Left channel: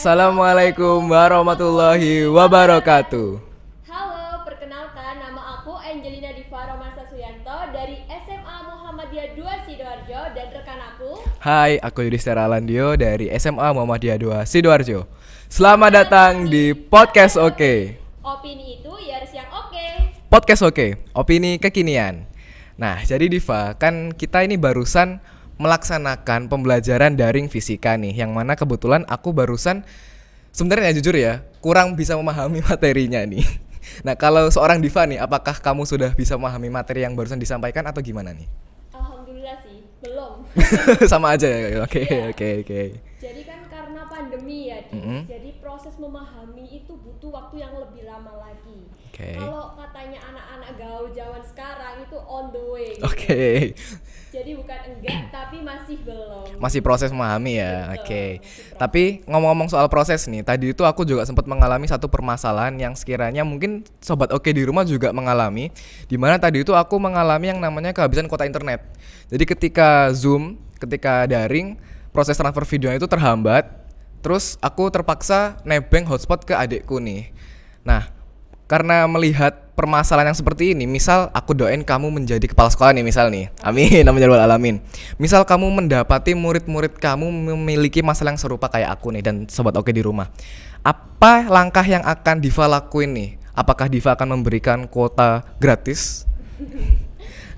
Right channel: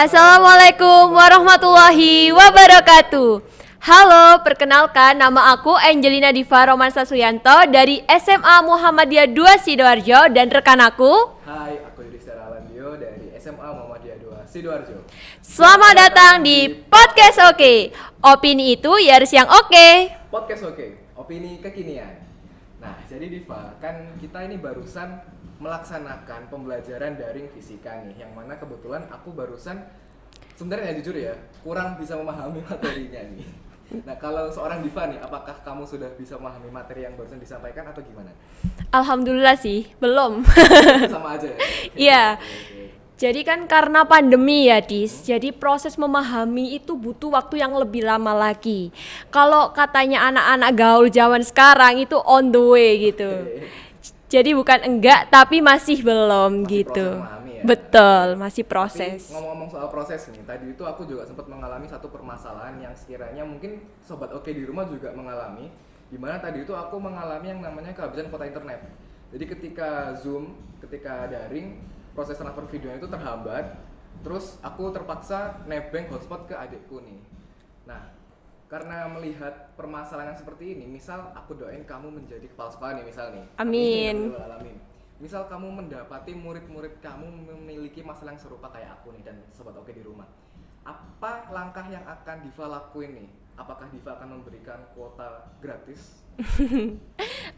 Assalamualaikum warahmatullahi wabarakatuh. Halo, perkenalkan nama aku Angelina Diva Romansa Suyanto dari SMA Muhammadiyah 2 Sidoarjo dan rekan aku. Hai, aku Yudhistira Alandio dari SMA Muhammadiyah 2 Sidoarjo. Selamat datang di Podcast Oke. Opini itu ya harus yang oke. Podcast Oke, opini kekinian. Nah, jadi Diva, kan kita ini barusan melaksanakan pembelajaran daring fisika nih, yang mana kebetulan aku barusan sebenarnya jujur ya, kurang bisa memahami materinya nih. Nah, kalau seorang Diva nih, apakah kamu sudah bisa memahami materi yang barusan disampaikan atau gimana nih? Alhamdulillah sih, belum. Sama aja ya. Oke. Jadi kan karena pandemi ya, Dis. Jadi proses memahami itu butuh waktu yang lebih lama lagi. Kalau katanya anak-anak gaul zaman sekarang itu on the way gitu. Jadi bukan enggak, tapi masih belum masih gitu. Proses memahami ya. Betul, masih proses. Tapi ngomong-ngomong soal proses nih, tadi itu aku juga sempat mengalami satu permasalahan yang sekiranya mungkin Sobat Oke di rumah juga mengalami. Dimana tadi itu aku mengalami yang namanya kehabisan kuota internet. Jadi ketika Zoom, ketika daring, proses transfer video itu terhambat. Terus aku terpaksa nebeng hotspot ke adikku nih. Nah, karena melihat permasalahan yang seperti ini, misal aku doain kamu menjadi kepala sekolah nih, misal nih. Amin. Amin ya rabbal alamin. Misal kamu mendapati murid-murid kamu memiliki masalah yang serupa kayak aku nih dan Sobat Oke di rumah. Apa langkah yang akan Diva lakuin nih? Apakah Diva akan memberikan kuota gratis?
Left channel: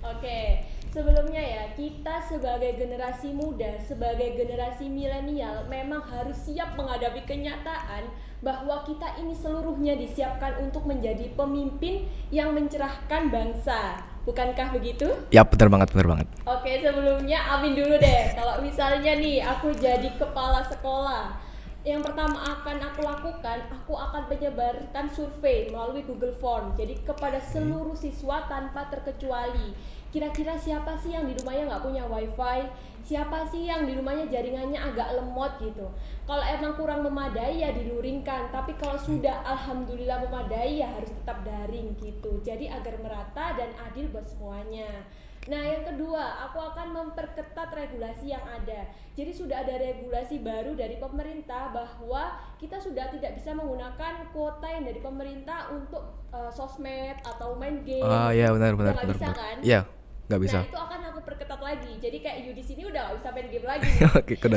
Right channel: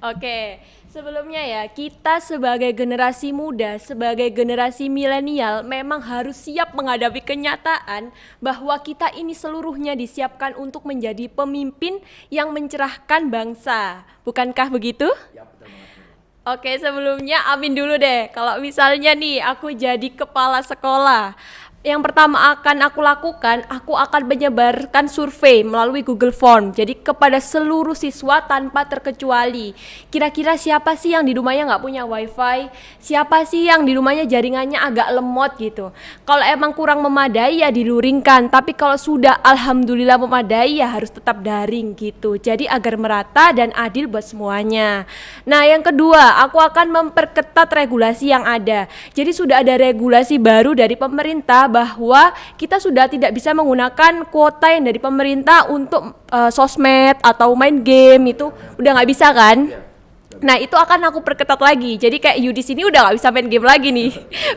Oke. Sebelumnya ya, kita sebagai generasi muda, sebagai generasi milenial memang harus siap menghadapi kenyataan bahwa kita ini seluruhnya disiapkan untuk menjadi pemimpin yang mencerahkan bangsa. Bukankah begitu? Ya, benar banget. Oke, sebelumnya amin dulu deh. Kalau misalnya nih aku jadi kepala sekolah, yang pertama akan aku lakukan, aku akan menyebarkan survei melalui Google Form. Jadi kepada seluruh siswa tanpa terkecuali. Kira-kira siapa sih yang di rumahnya nggak punya wifi? Siapa sih yang di rumahnya jaringannya agak lemot gitu? Kalau emang kurang memadai ya diluringkan. Tapi kalau sudah alhamdulillah memadai ya harus tetap daring gitu. Jadi agar merata dan adil buat semuanya. Nah yang kedua, aku akan memperketat regulasi yang ada. Jadi sudah ada regulasi baru dari pemerintah bahwa kita sudah tidak bisa menggunakan kuota yang dari pemerintah untuk sosmed atau main game itu ya, udah nggak bisa kan? Iya, nggak bisa. Nah itu akan aku perketat lagi. Jadi kayak Yudis ini udah nggak bisa main game lagi nih,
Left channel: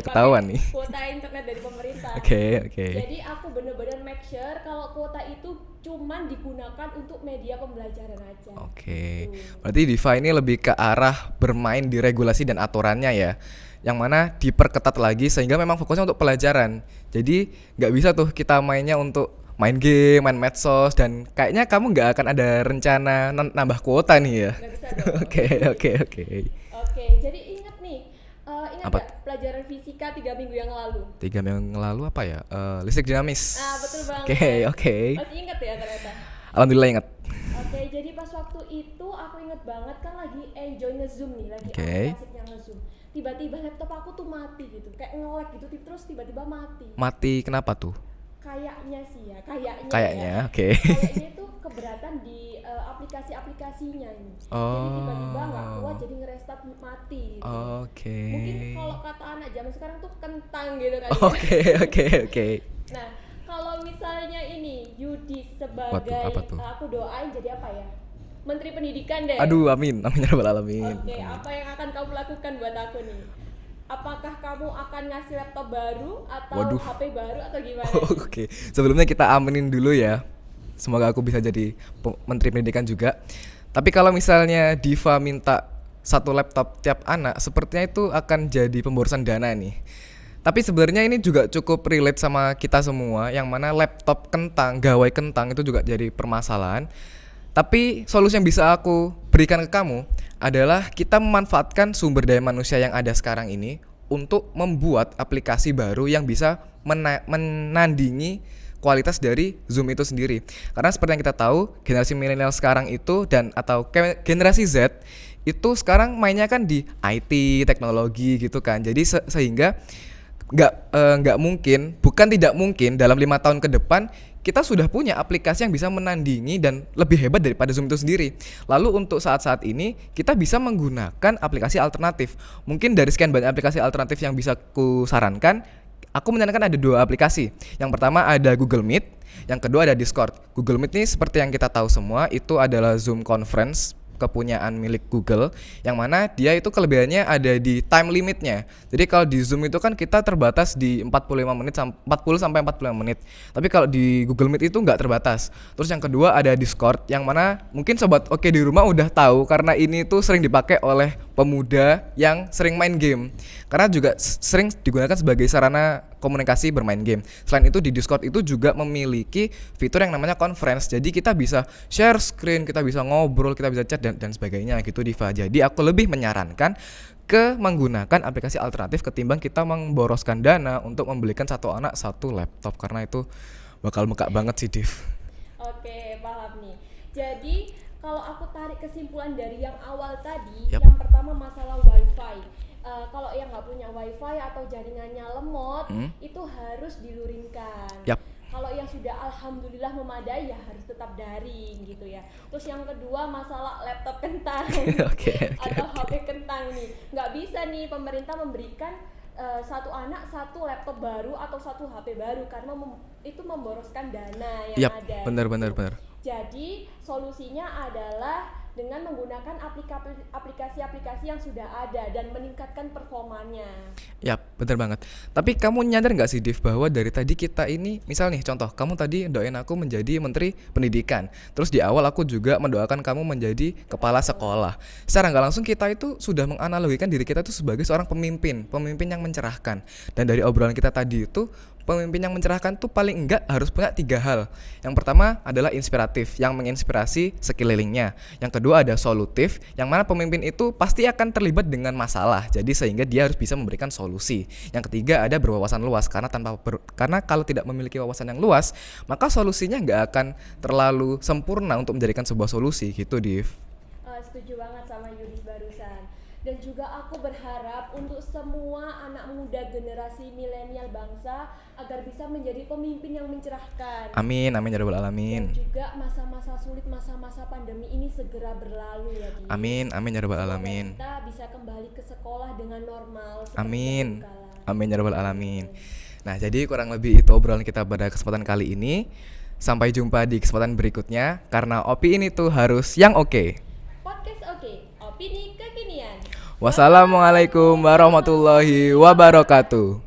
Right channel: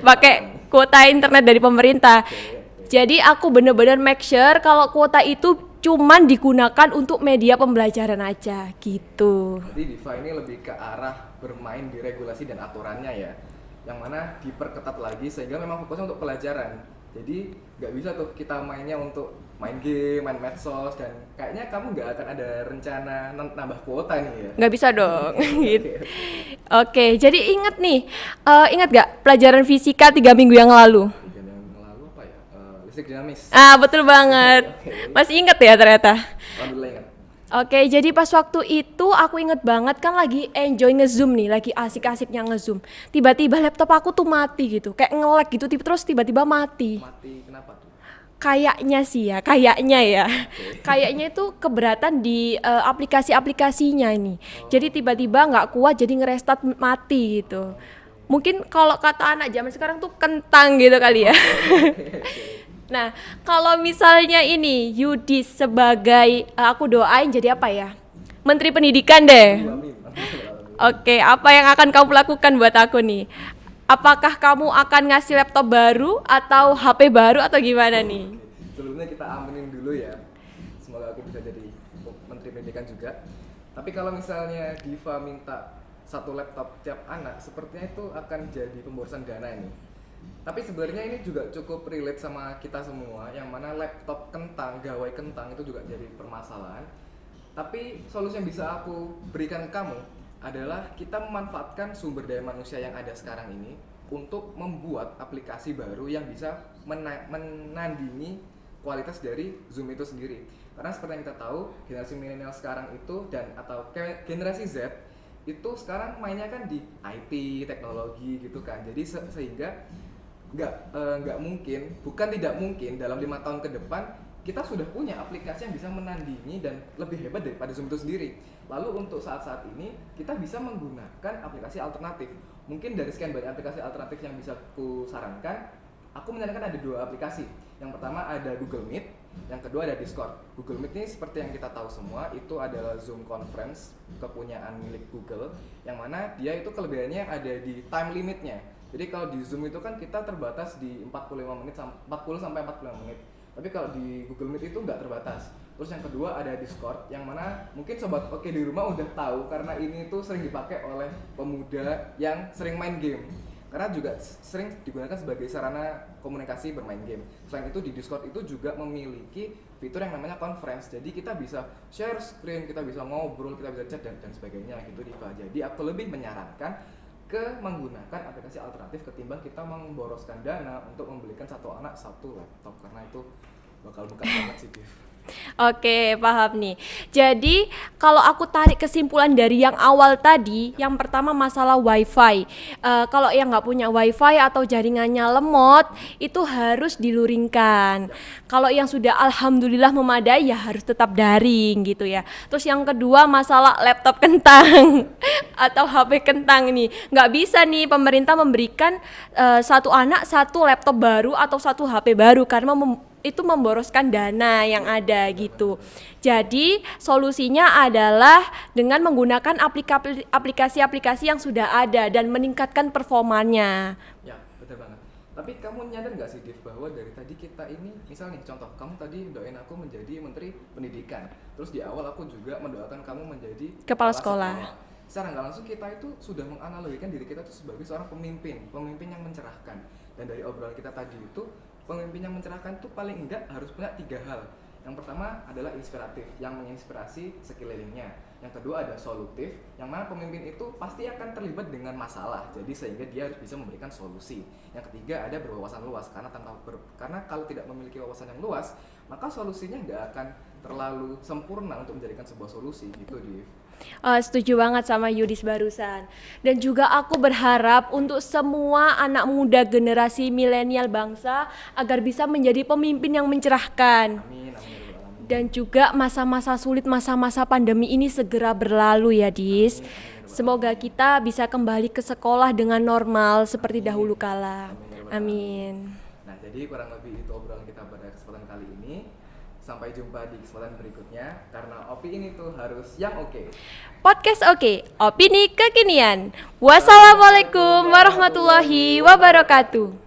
pakai kuota internet dari pemerintah. Jadi aku bener-bener make sure kalau kuota itu cuman digunakan untuk media pembelajaran aja gitu. Berarti Diva ini lebih ke arah bermain di regulasi dan aturannya ya, yang mana diperketat lagi sehingga memang fokusnya untuk pelajaran. Jadi nggak bisa tuh kita mainnya untuk main game, main medsos, dan kayaknya kamu nggak akan ada rencana nambah kuota nih ya? Nggak bisa dong. Oke. Jadi ingat nih, ingat nggak pelajaran fisika 3 minggu yang lalu? 3 minggu yang lalu apa ya? Listrik dinamis. Betul banget. Oke. Masih ingat ya ternyata? Alhamdulillah ingat. Oke, jadi pas waktu itu aku inget banget kan lagi enjoy nge-zoom nih, lagi asik-asiknya nge-zoom. Tiba-tiba laptop aku tuh mati gitu, kayak nge-lag gitu, terus tiba-tiba mati. Mati kenapa tuh? Kayaknya sih ya, kayaknya Kayaknya itu keberatan di aplikasi-aplikasinya ini. Jadi tiba-tiba nggak kuat, jadi ngerestart mati gitu. Mungkin kalau kata anak zaman sekarang tuh kentang gitu kali ya. Oke. Nah, kalau misalnya ini Yudis sebagai aku doain jadi apa ya? Menteri Pendidikan deh. Aduh, amin. Oke, apa yang akan kamu lakukan buat aku nih? Apakah kamu akan ngasih laptop baru atau HP baru atau gimana nih? Oke. Sebelumnya kita aminin dulu ya. Semoga aku bisa jadi Menteri Pendidikan juga. Tapi kalau misalnya Diva minta 1 laptop tiap anak, sepertinya itu akan jadi pemborosan dana nih. Tapi sebenarnya ini juga cukup relate sama kita semua, yang mana laptop kentang, gawai kentang itu juga jadi permasalahan. Tapi solusi yang bisa aku berikan ke kamu adalah kita memanfaatkan sumber daya manusia yang ada sekarang ini untuk membuat aplikasi baru yang bisa menandingi kualitas dari Zoom itu sendiri. Karena seperti yang kita tahu, generasi milenial sekarang itu atau generasi Z itu sekarang mainnya kan di IT, teknologi gitu kan. Jadi sehingga nggak mungkin, bukan tidak mungkin dalam 5 tahun ke depan kita sudah punya aplikasi yang bisa menandingi dan lebih hebat daripada Zoom itu sendiri. Lalu untuk saat-saat ini kita bisa menggunakan aplikasi alternatif. Mungkin dari sekian banyak aplikasi alternatif yang bisa ku sarankan, Aku menyarankan ada 2 aplikasi. Yang pertama ada Google Meet, yang kedua ada Discord. Google Meet ini seperti yang kita tahu semua, itu adalah Zoom conference kepunyaan milik Google, yang mana dia itu kelebihannya ada di time limitnya. Jadi kalau di Zoom itu kan kita terbatas di 40 sampai 45 menit. Tapi kalau di Google Meet itu nggak terbatas. Terus yang kedua ada Discord, yang mana mungkin sobat oke di rumah udah tahu karena ini tuh sering dipakai oleh pemuda yang sering main game. Karena juga sering digunakan sebagai sarana komunikasi bermain game. Selain itu di Discord itu juga memiliki fitur yang namanya conference. Jadi kita bisa share screen, kita bisa ngobrol, kita bisa chat dan sebagainya gitu Diva. Jadi aku lebih menyarankan menggunakan aplikasi alternatif ketimbang kita memboroskan dana untuk membelikan satu anak satu laptop, karena itu bakal mekak banget sih Div. Oke, paham nih. Jadi kalau aku tarik kesimpulan dari yang awal tadi, Yap. yang pertama masalah wifi. Kalau yang nggak punya wifi atau jaringannya lemot, itu harus diluringkan. Yap. Kalau yang sudah alhamdulillah memadai ya harus tetap daring gitu ya. Terus yang kedua masalah laptop kentang atau HP kentang nih. Nggak bisa nih pemerintah memberikan satu anak satu laptop baru atau satu HP baru karena itu memboroskan dana yang Yap, ada benar, gitu. benar. Jadi solusinya adalah dengan menggunakan aplikasi-aplikasi yang sudah ada dan meningkatkan performanya. Ya, bener banget. Tapi kamu nyadar nggak sih, Div, bahwa dari tadi kita ini, misal nih, contoh, kamu tadi doain aku menjadi Menteri Pendidikan. Terus di awal aku juga mendoakan kamu menjadi Kepala Sekolah. Secara nggak langsung kita itu sudah menganalogikan diri kita itu sebagai seorang pemimpin yang mencerahkan. Dan dari obrolan kita tadi itu, pemimpin yang mencerahkan tuh paling enggak harus punya 3 hal. Yang pertama adalah inspiratif, yang menginspirasi sekelilingnya. Yang kedua ada solutif, yang mana pemimpin itu pasti akan terlibat dengan masalah. Jadi sehingga dia harus bisa memberikan solusi. Yang ketiga ada berwawasan luas, karena kalau tidak memiliki wawasan yang luas, maka solusinya nggak akan terlalu sempurna untuk menjadikan sebuah solusi gitu, Div. Setuju banget sama Yudis barusan. Dan juga aku berharap untuk semua anak muda generasi milenial bangsa agar bisa menjadi pemimpin yang mencerahkan. Amin, amin ya rabbal alamin. Dan juga masa-masa sulit, masa-masa pandemi ini segera berlalu ya Dis. Amin ya rabbal Semoga alamin. kita bisa kembali ke sekolah dengan normal seperti Amin. dahulu kala. Amin ya rabbal alamin. Nah, jadi kurang lebih itu obrolan kita pada kesempatan kali ini. Sampai jumpa di kesempatan berikutnya, karena Opi ini tuh harus yang oke. Podcast Oke, opini kekinian. Wassalamualaikum warahmatullahi wabarakatuh.